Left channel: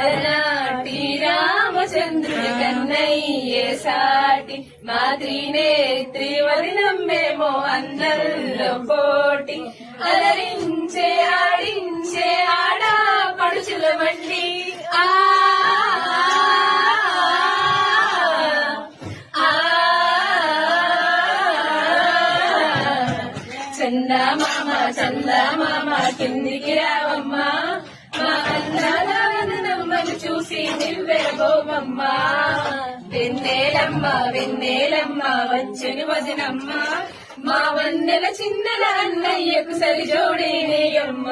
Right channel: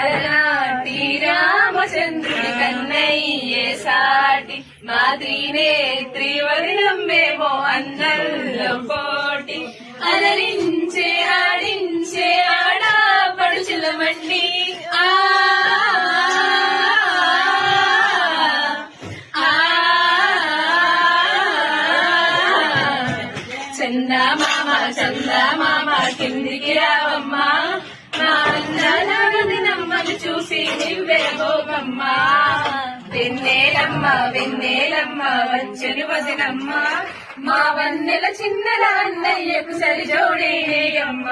అలనాటి రామచంద్రుడి కన్నయ్యే సాటి మా త్రినేత్రి వదినమ్మేమో అందరిలో పోటీ అలరించే ఆడించే ఆడ పడుచుల వండి చందమామ కిందికి రావమ్మా మా అందాలని నమ్మని చూసి నివ్వే గోమమ్మ వెన్నెలమ్మ వెన్నెలమ్మ వచ్చని వదినమ్మ మా వన్నెల చిన్నల అన్నయ్యకు సరి జోడేయమ్మ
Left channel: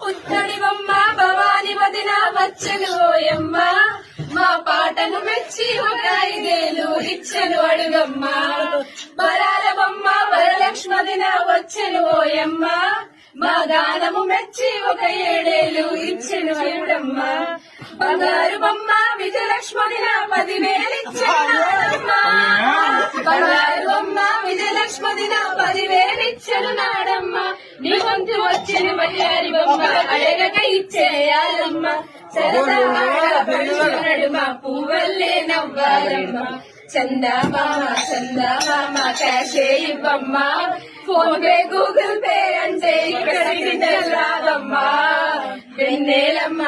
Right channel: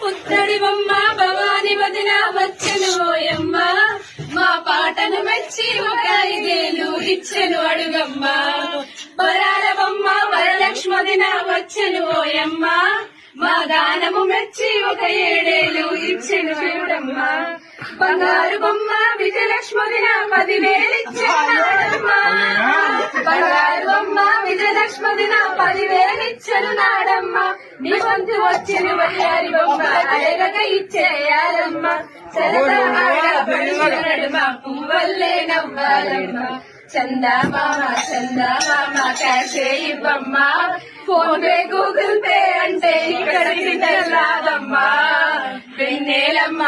పుత్తడి బొమ్మ భవాని వదిన వచ్చను ఓయమ్మ మా పాటను మెచ్చి ఒక 5 ఏళ్ళు ఇచ్చెను అడుగమ్మ వరాల బొమ్మ వరలక్ష్మదిన వచ్చను ఓయమ్మ మా గానము మెచ్చి ఒక 7 ఏళ్ళు ఇచ్చెను చూడమ్మ బంగారు బొమ్మ విజయలక్ష్మదిన 10,000 ఇచ్చెను బంగారు బొమ్మ విజయలక్ష్మదిన 10,000 ఇచ్చెను నాడమ్మ నీ వంతు వచ్చిన బంగారు బొమ్మ అడగక ఇచ్చేయాలమ్మ మా పువ్వల్లే నవ్వాలమ్మ చందమామ క్యాషే ఇవ్వమ్మ ఫోన్ పే గూగుల్ పే అంటే ఇక్కడ రాదమ్మా వెన్నెలమ్మ